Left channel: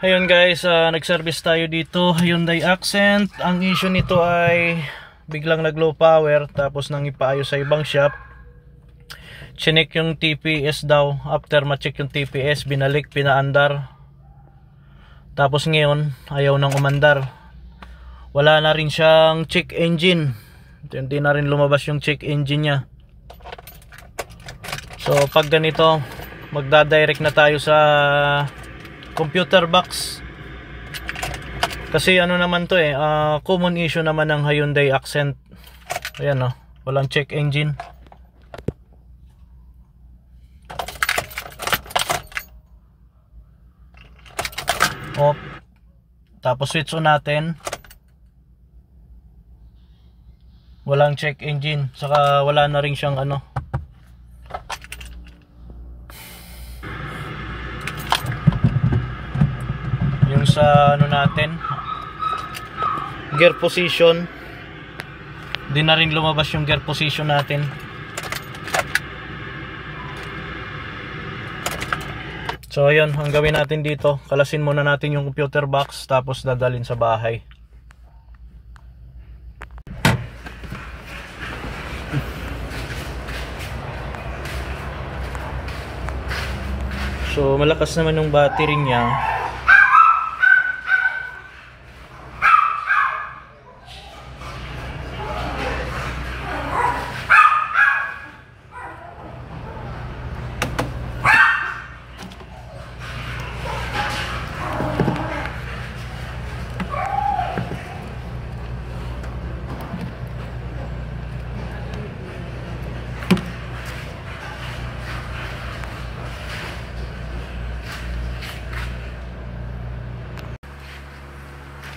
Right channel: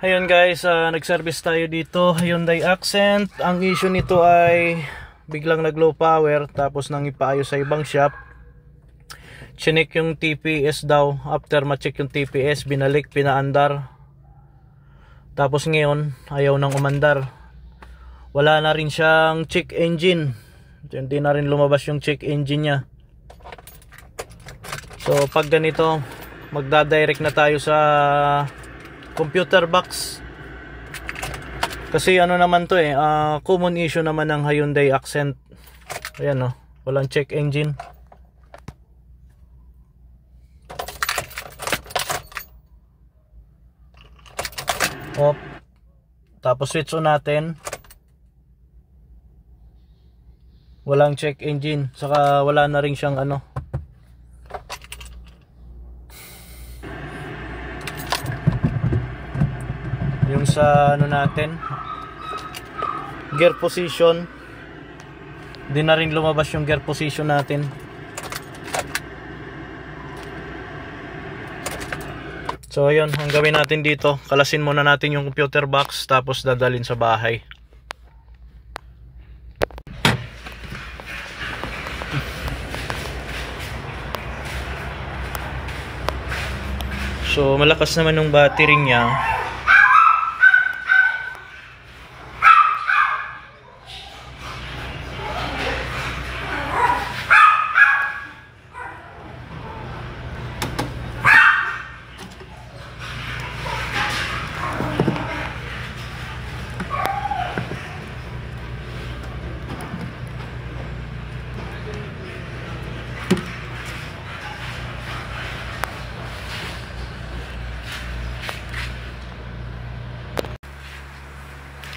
Ayun guys, nag-service tayo dito, Hyundai Accent. Ang issue nito ay biglang nag-low power tapos nang ipaayos sa ibang shop. Chinek yung TPS daw. After ma-check yung TPS, binalik, pinaandar. Tapos ngayon, ayaw nang umandar. Wala na rin siyang check engine. Hindi na rin lumabas yung check engine niya. So pag ganito, magdadirect na tayo sa computer box. Kasi ano naman to common issue naman ng Hyundai Accent. Ayan walang check engine. Off. Tapos switch on natin. Walang check engine. Saka wala na rin siyang yung sa natin, gear position. Di na rin lumabas yung gear position natin. So ayun, ang gawin natin dito, kalasin muna natin yung computer box tapos dadalhin sa bahay. So malakas naman yung battery niya.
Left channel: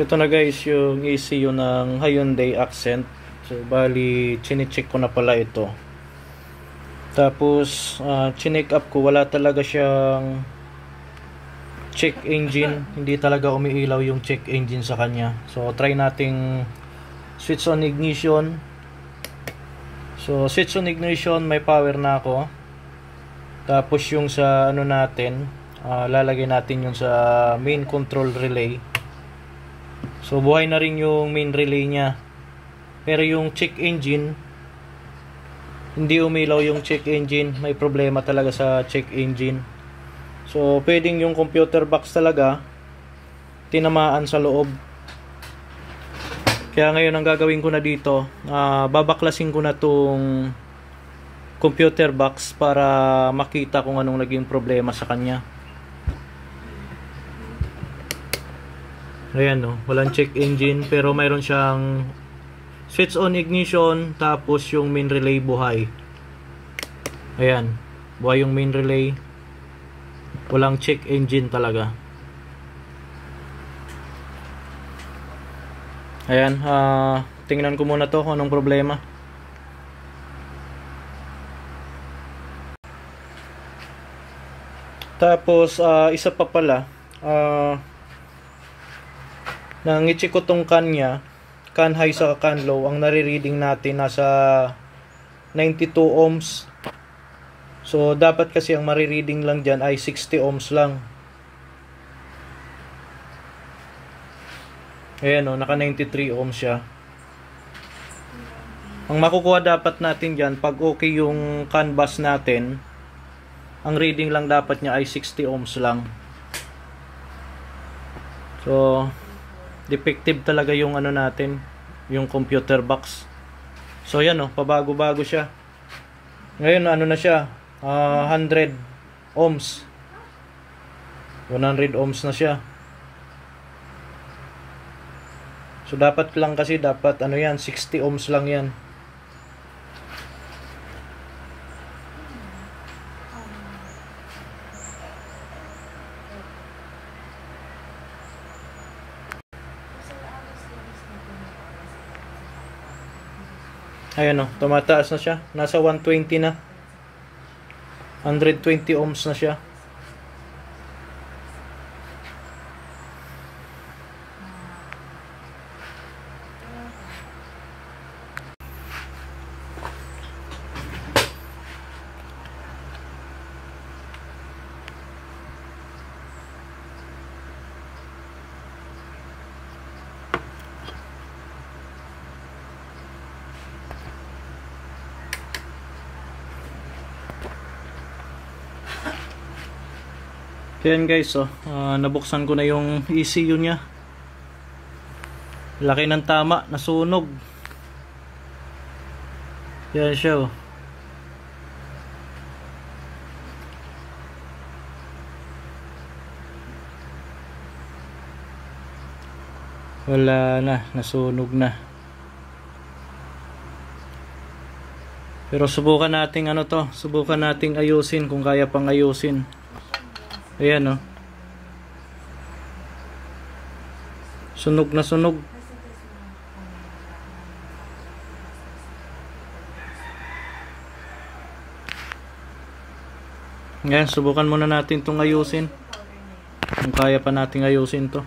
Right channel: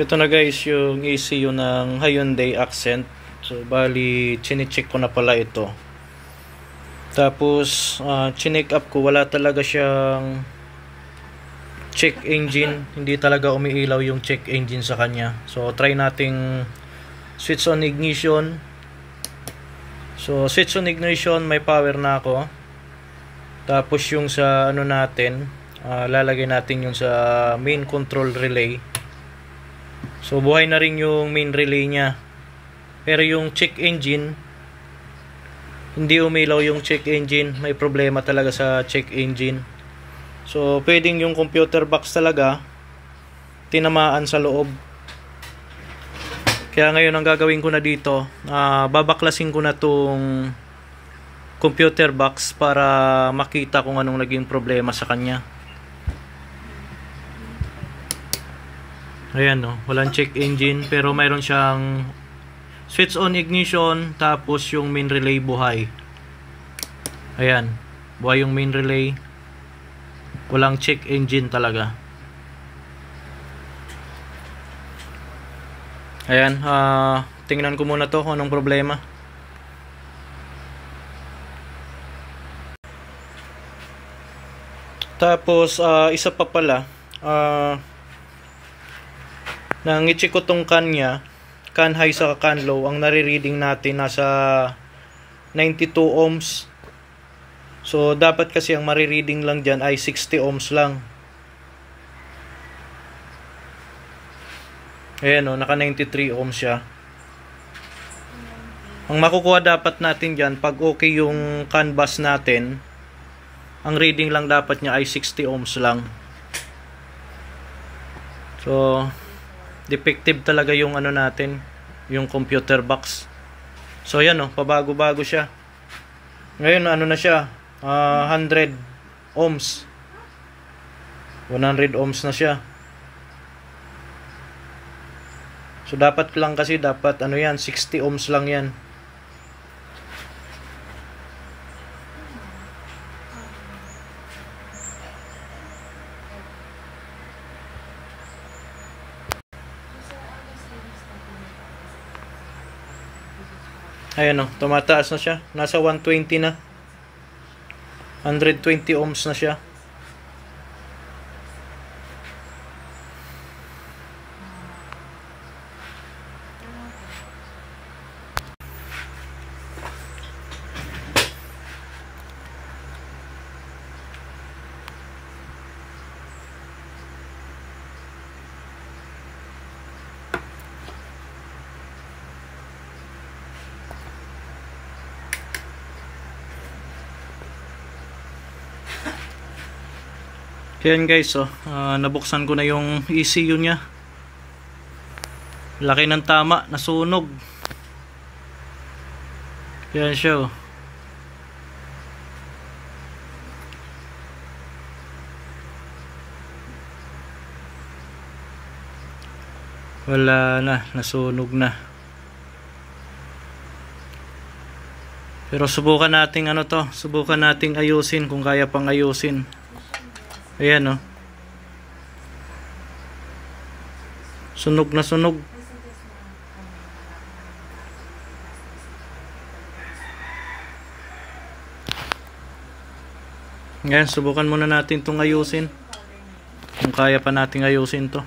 Ito na guys yung ECU ng Hyundai Accent. So bali chinecheck ko na pala ito. Tapos chineck up ko, wala talaga siyang check engine. Hindi talaga umiilaw yung check engine sa kanya. So try nating switch on ignition. So switch on ignition, may power na ako. Tapos yung sa natin, lalagay natin yung sa main control relay. So buhay na rin yung main relay niya. Pero yung check engine, hindi umilaw yung check engine. May problema talaga sa check engine. So pwedeng yung computer box talaga tinamaan sa loob. Kaya ngayon ang gagawin ko na dito, babaklasin ko na tong computer box para makita kung anong naging problema sa kanya. Ayan walang check engine pero mayroon siyang switch on ignition, tapos yung main relay buhay. Ayan, buhay yung main relay. Walang check engine talaga. Ayan, tingnan ko muna to kung anong problema. Tapos isa pa pala, nang i-check ko tong can high sa can low, ang nare-reading natin nasa 92 ohms. So dapat kasi ang mare-reading lang dyan ay 60 ohms lang. Ayan naka 93 ohms siya. Ang makukuha dapat natin dyan, pag okay yung CAN bus natin, ang reading lang dapat niya ay 60 ohms lang. So defective talaga yung natin, yung computer box. So yan pabago-bago siya. Ngayon na siya, 100 ohms. 100 ohms na siya. So dapat lang kasi yan 60 ohms lang yan. Ayan tumataas na siya. Nasa 120 na. 120 ohms na siya. Ayan guys, nabuksan ko na yung ECU nya. Laki ng tama, nasunog. Yan siya oh. Wala na, nasunog na. Pero subukan nating subukan nating ayusin kung kaya pang ayusin. Ayan oh. Sunog na sunog. Ayan, subukan muna natin itong ayusin. Kung kaya pa nating ayusin to.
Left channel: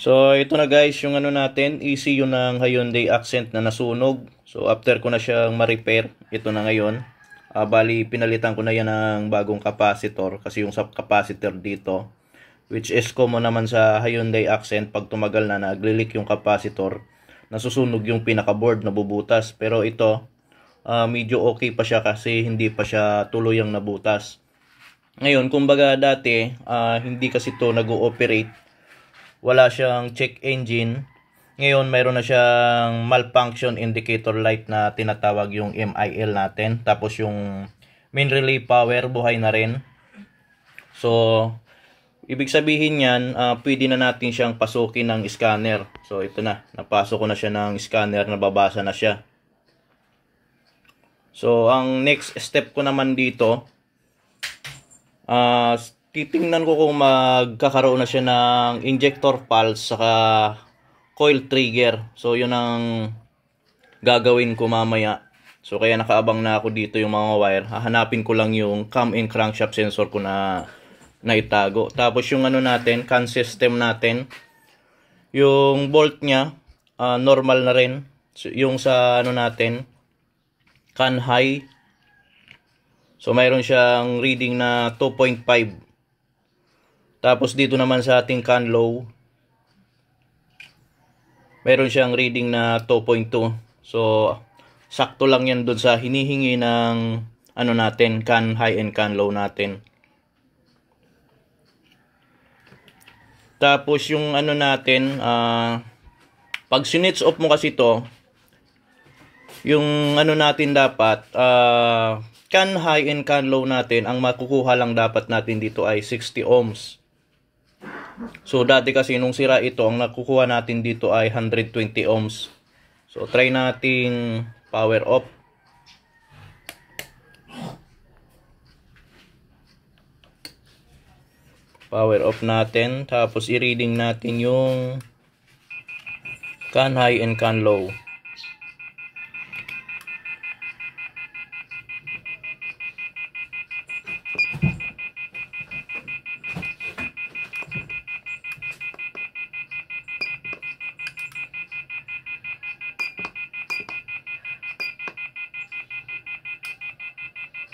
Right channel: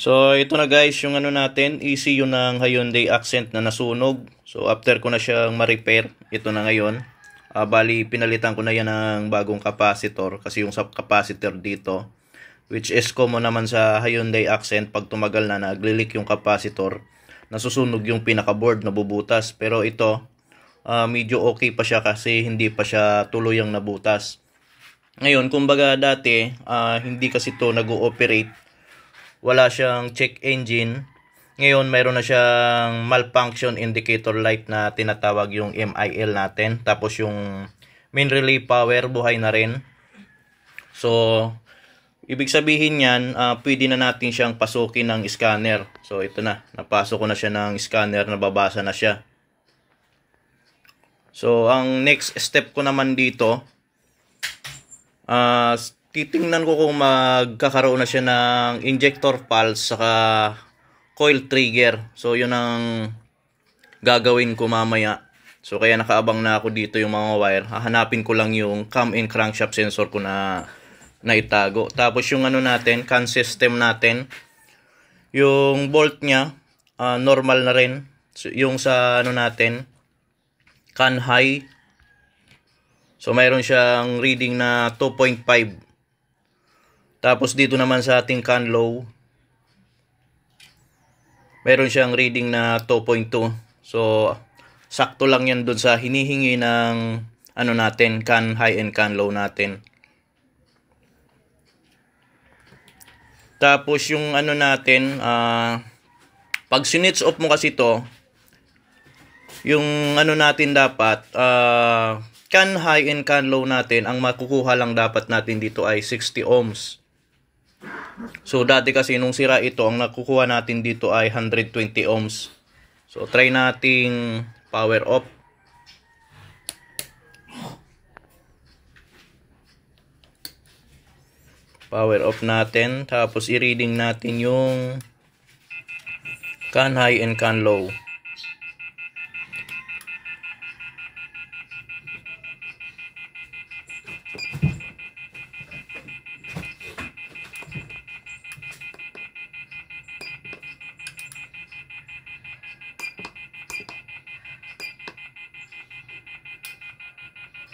So ito na guys yung ano natin, ECU ng Hyundai Accent na nasunog. So after ko na siyang ma-repair, ito na ngayon. Bali pinalitan ko na yan ng bagong capacitor kasi yung sa capacitor dito, which is common naman sa Hyundai Accent, pag tumagal na nagli-leak yung capacitor, nasusunog yung pinaka-board, nabubutas. Pero ito, medyo okay pa siya kasi hindi pa siya tuluyang nabutas. Ngayon, kumbaga dati, hindi kasi to nag-ooperate. Wala siyang check engine. Ngayon, mayroon na siyang malfunction indicator light na tinatawag yung MIL natin. Tapos yung main relay power, buhay na rin. So, ibig sabihin yan, pwede na natin siyang pasukin ng scanner. So, ito na. Napasok ko na siya ng scanner, nababasa na siya. So, ang next step ko naman dito, titingnan ko kung magkakaroon na siya ng injector pulse saka coil trigger. So yun ang gagawin ko mamaya. So kaya nakaabang na ako dito yung mga wire. Hahanapin ko lang yung cam and crankshaft sensor ko na itago. Tapos yung ano natin, CAN system natin, yung bolt niya normal na rin. So, yung sa ano natin, CAN high, so mayroon siyang reading na 2.5. Tapos dito naman sa ating CAN low, mayroon siyang reading na 2.2. So sakto lang yan doon sa hinihingi ng ano natin, CAN high and CAN low natin. Tapos yung ano natin, pag sinits off mo kasi to, yung ano natin dapat, CAN high and CAN low natin, ang makukuha lang dapat natin dito ay 60 ohms. So dati kasi nung sira ito, ang nakukuha natin dito ay 120 ohms. So try nating power off. Power off natin, tapos i-reading natin yung CAN high and CAN low.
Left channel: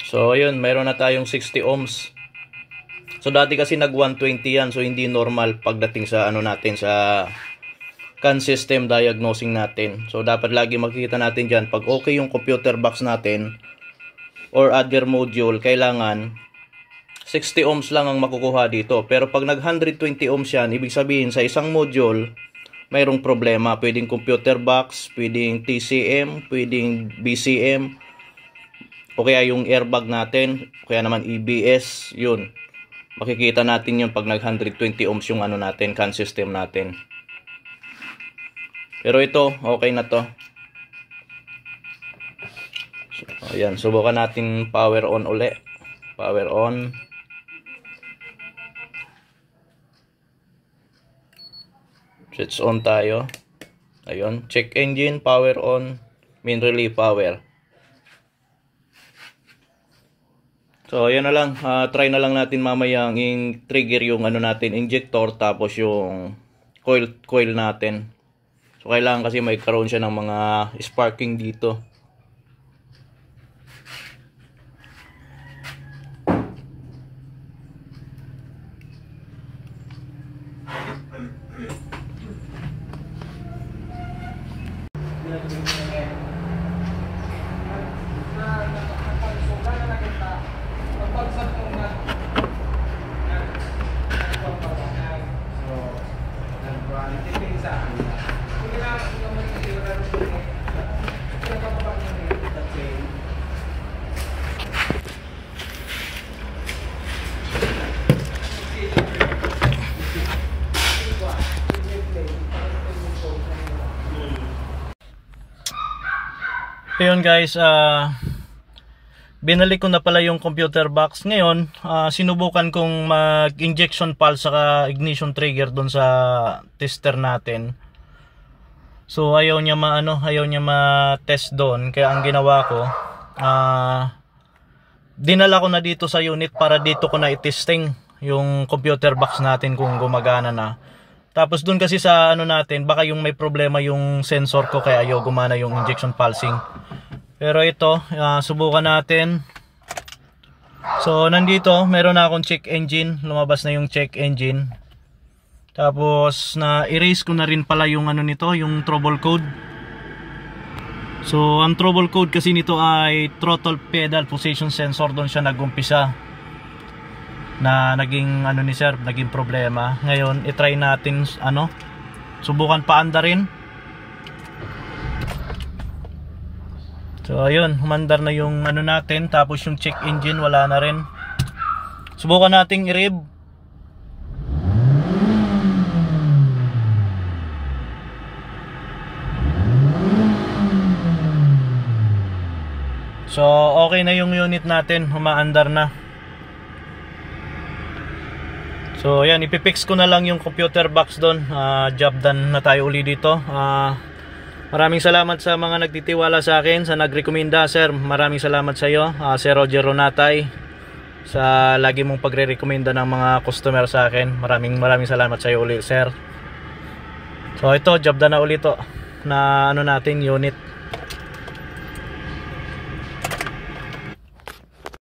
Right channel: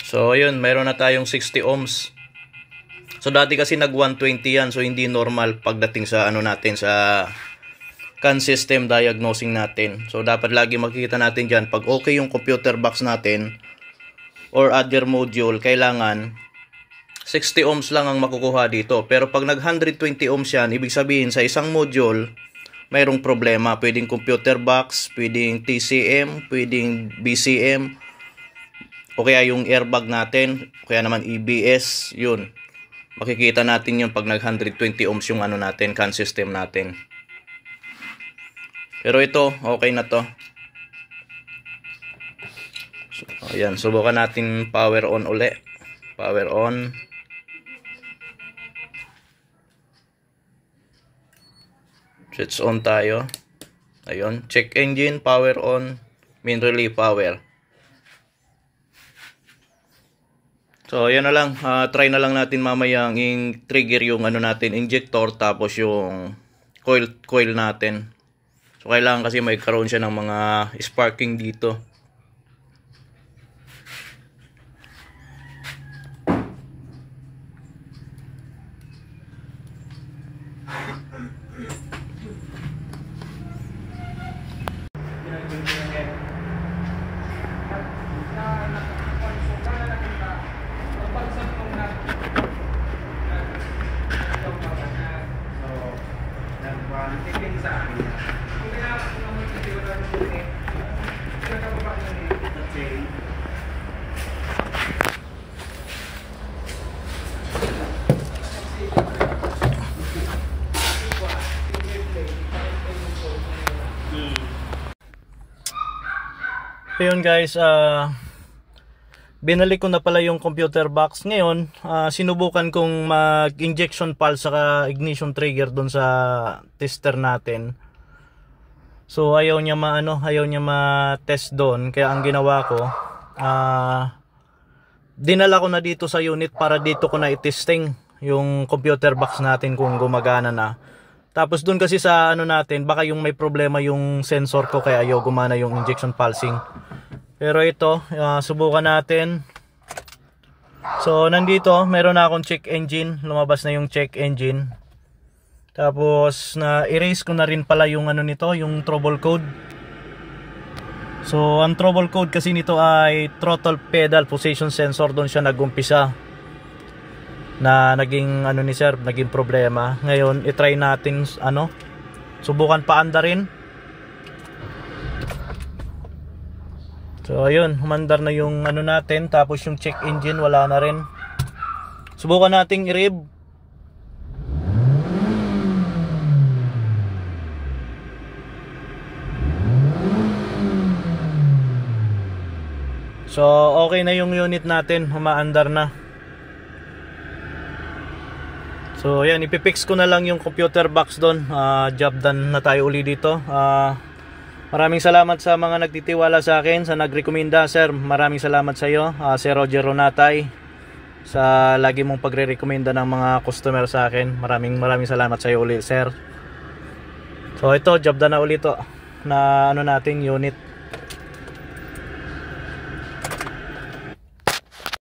So ayun, mayroon na tayong 60 ohms. So dati kasi nag 120 yan, so hindi normal pagdating sa ano natin, sa CAN system diagnosing natin. So dapat lagi makikita natin dyan, pag okay yung computer box natin or other module, kailangan 60 ohms lang ang makukuha dito. Pero pag nag 120 ohms yan, ibig sabihin sa isang module mayroong problema. Pwedeng computer box, pwedeng TCM, pwedeng BCM, o kaya yung airbag natin, o kaya naman EBS, yun. Makikita natin yun pag nag 120 ohms yung ano natin, CAN system natin. Pero ito, okay na to. So, ayan, subukan natin power on uli. Power on. Switch on tayo. Ayun, check engine, power on, main relay power. So ayan na lang, try na lang natin mamaya ang trigger yung ano natin, injector, tapos yung coil natin. So kailangan kasi may karoon siya ng mga sparking dito. Ayun guys, binalik ko na pala yung computer box. Ngayon, sinubukan kong mag-injection pulse saka ignition trigger doon sa tester natin. So ayaw niya ma-test doon, kaya ang ginawa ko, dinala ko na dito sa unit para dito ko na i-testing yung computer box natin kung gumagana na. Tapos dun kasi sa ano natin, baka yung may problema yung sensor ko kaya ayaw gumana yung injection pulsing. Pero ito, subukan natin. So nandito, meron na akong check engine, lumabas na yung check engine. Tapos na erase ko na rin pala yung ano nito, yung trouble code. So ang trouble code kasi nito ay throttle pedal position sensor, doon siya nagumpisa. Na naging ano ni sir, naging problema. Ngayon i-try natin ano, subukan paanda rin. So ayun, humandar na yung ano natin, tapos yung check engine wala na rin. Subukan nating i-rev. So okay na yung unit natin, humaandar na. So yan, ipipix ko na lang yung computer box doon. Job done na tayo uli dito. Maraming salamat sa mga nagtitiwala sa akin, sa nagrekomenda sir. Maraming salamat sa iyo, Sir Roger Ronatay, sa lagi mong pagre-recommenda ng mga customer sa akin. Maraming salamat sa iyo uli sir. So ito, job done na uli to na ano natin, unit.